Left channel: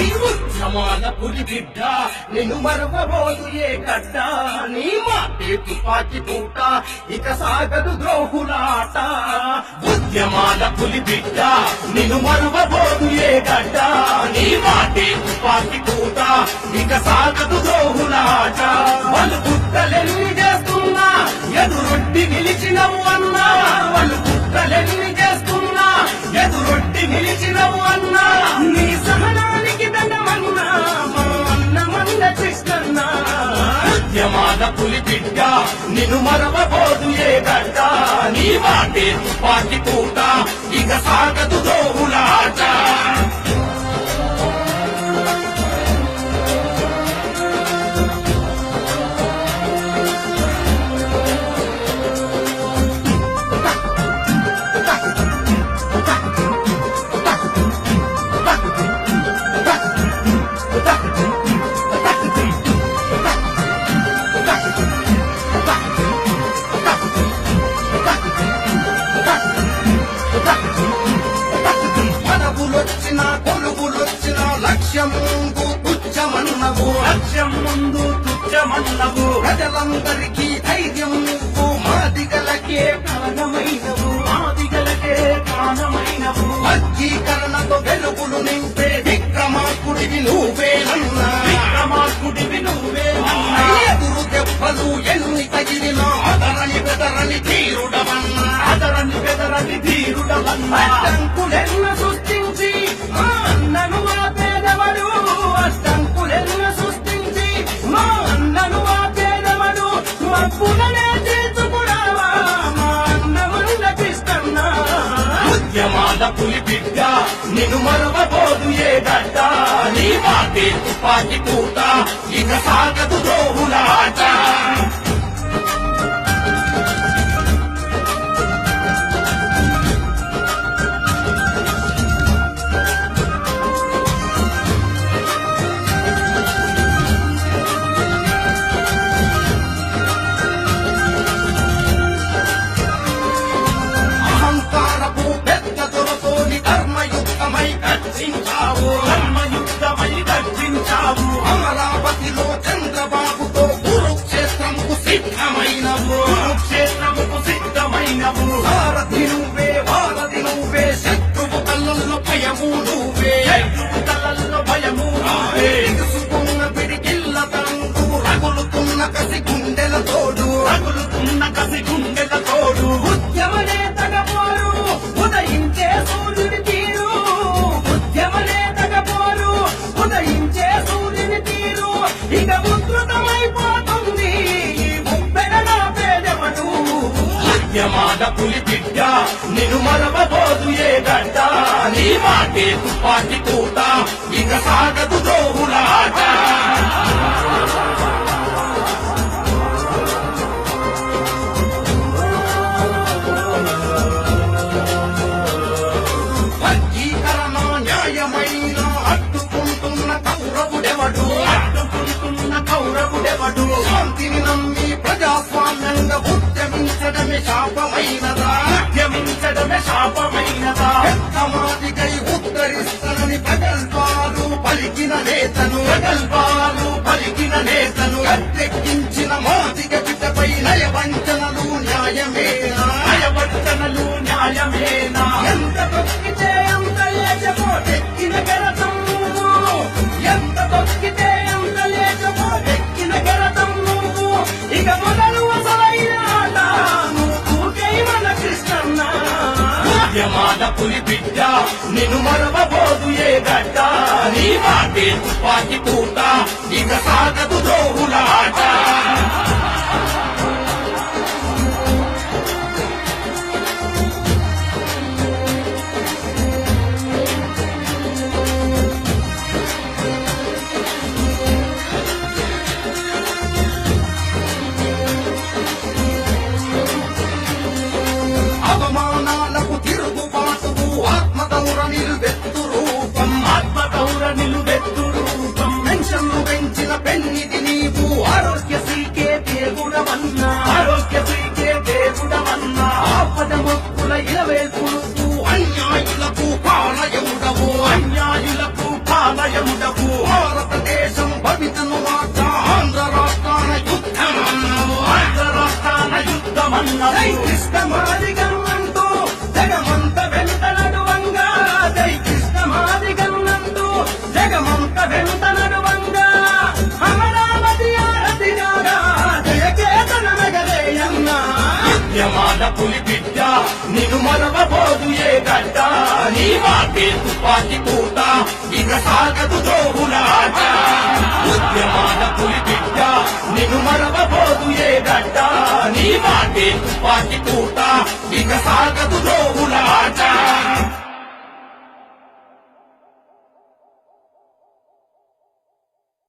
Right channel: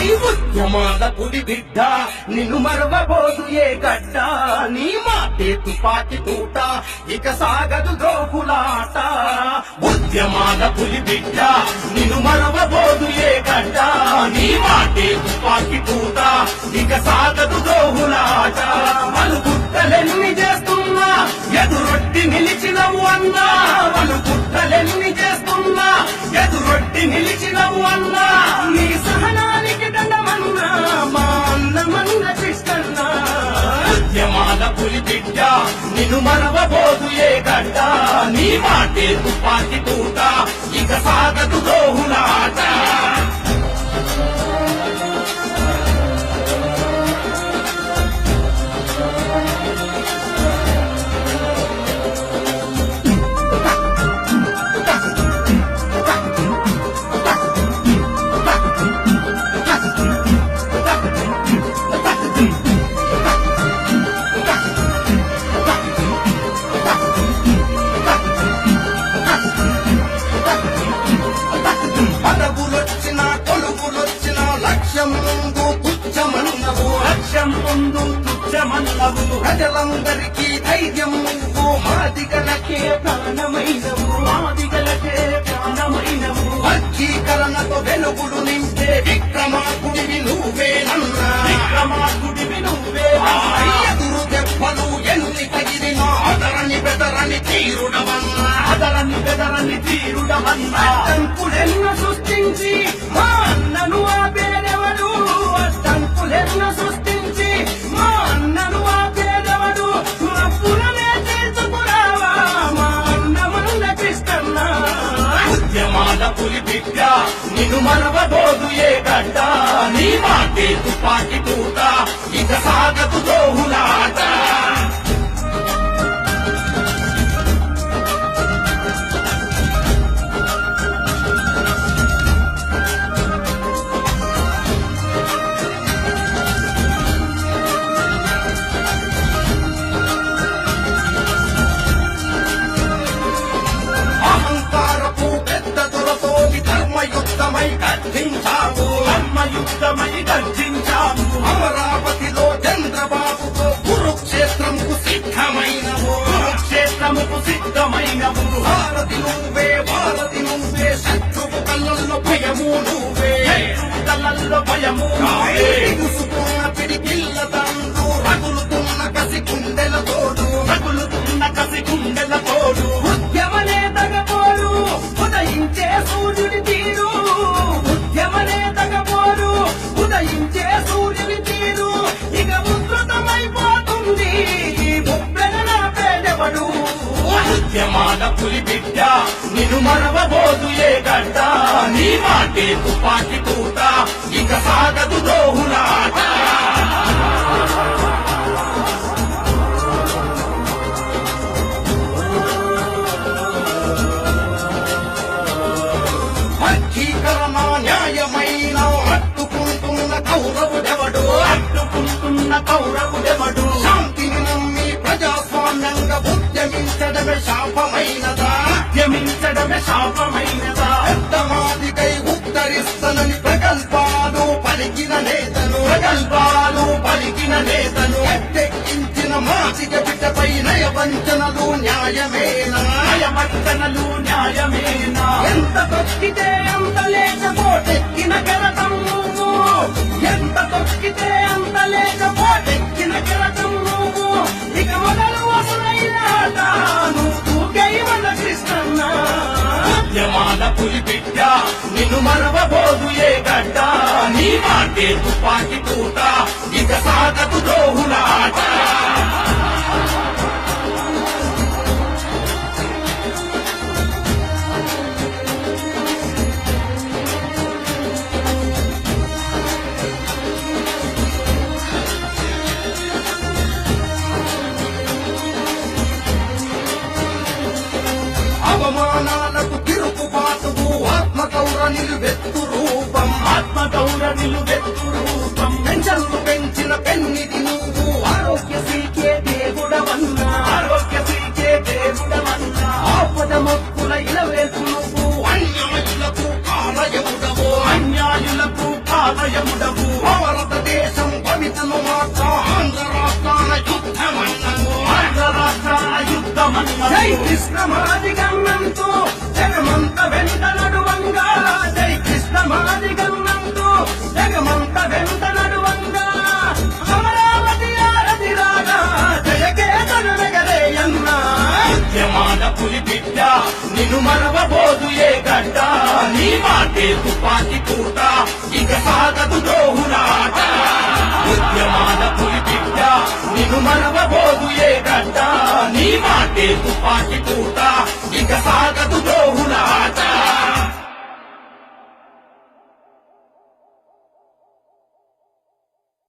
ఉద్యమాల పులి బిడ్డ నిన్ను మరవబోదు ఏ గడ్డ నీ మాటే తుపాకి తూట ఇక సాగదు ద్రోహులాట ఉద్యమాల పులి బిడ్డ నిన్ను మరవబోదు ఏ గడ్డ నీ మాటే తుపాకి తూట ఇక సాగదు ద్రోహులాట వాళ్ళు కుట్రలెన్ని చేస్తున్నా ఎదురొడ్డి నిలిచినవు అన్నా వాళ్ళు కుట్రలెన్ని చేస్తున్నా ఎదురొడ్డి నిలిచినవు అన్నా నీ సహనానికి దండమన్నా మా అన్నమన్న కృష్ణన్న ఉద్యమాల పులి బిడ్డ నిన్ను మరవబోదు ఏ గడ్డ నీ మాటే తుపాకి తూట ఇక సాగదు ద్రోహులాట లక్ష్యం ముందు తుచ్చమన్నవు ప్రజలందరికీ ధైర్యం నువ్వు మాదిగలకే ప్రాణమైనవు వర్గీకరణతో వెలుగులు నింపే విక్రమార్కుడివి నువ్వేనన్నా ఎదురు దెబ్బలు ఎన్ని తగిలినా అదరని బెదరని తీరుడవన్నా అడ్డంకులెన్న సృష్టించి మా అన్నను ఆపేదవడు అడ్డంకులెన్న సృష్టించి మా అన్నను ఆపేదవడు మా పులనే తెలుసుకురావా మా అన్నమున్న కృష్ణన్న ఉద్యమాల పులి బిడ్డ నిన్ను మరవబోదు ఏ గడ్డ నీ మాటే తుపాకి తూట ఇక సాగదు ద్రోహులాట ధర్మయుద్ధమై గర్జించావు అమరావతిలో చంద్రబాబుతో కురుక్షేత్రముకు సిద్ధమైనవు వారధి నువ్వే శత్రువు కళ్ళల్లో భయము నువ్వే తెలుసుకున్న పిడికిళ్ళ తండ్రు రగులుతున్న కసి గుండెల తోడు ఉద్యమ నేతగపోరు ఉదయించే సూర్యుని తీరు ఉదయించే సూర్యుని తీరు ఇక ఉధృతమైపోతుంది ముప్పెన నా పేదవడు ఉద్యమాల పులి బిడ్డ నిన్ను మరవబోదు ఏ గడ్డ నీ మాటే తుపాకి తూట ఇక సాగదు ద్రోహులాట కౌరవుడెవడు శాంతిని నమ్మి ప్రజాస్వామ్యంగా ఉద్యమించడమే శాపమైనదా పెద్దమాదికై ఉత్తరిస్తనని ప్రగల్భాలు పలికిన నేతను గట్టెక్కించిన మాదిగ బిడ్డపై నయవంచనలు న్యాయమేనా ఎంత తొక్కితే అంత లేచబోటెక్కిన గెలతం నువ్వు ఎంత తొక్కితే అంత లేచబోటెక్కిన గెలతం నువ్వు ఇక మొదలు అసలైన ఆట నువ్వు గైమన కృష్ణన్న ఉద్యమాల పులి బిడ్డ నిన్ను మరవబోదు ఏ గడ్డ నీ మాటే తుపాకి తూట ఇక సాగదు ద్రోహులాట అవమానాలకు తిరుగుబాటువు ఆత్మగౌర నిలువెత్తు రూపం పెన్షన్లు పెంచిన పెన్నిది నీవు ఆరోగ్యశ్రీకే దేవుడవన్నా ఆపద మొక్కుల ఇలవేల్పు నువ్వు అన్యాయులకు కాలయముడవు జై కృష్ణమాది గన్నంతో జగమంత వెంట నడువంగా జై కృష్ణమాది గన్నంతో జగమంత వెంట నడువంగా అమరావతి ఆరతి రాగా జయకేతన మెగలేయన్నా ఉద్యమాల పులి బిడ్డ నిన్ను మరవబోదు ఏ గడ్డ నీ మాటే తుపాకి పూట ఇక సాగదు ద్రోహులాట ఉద్యమాల పులి బిడ్డ నిన్ను మరవబోదు ఏ గడ్డ నీ మాటే తుపాకి పూట ఇక సాగదు ద్రోహులాట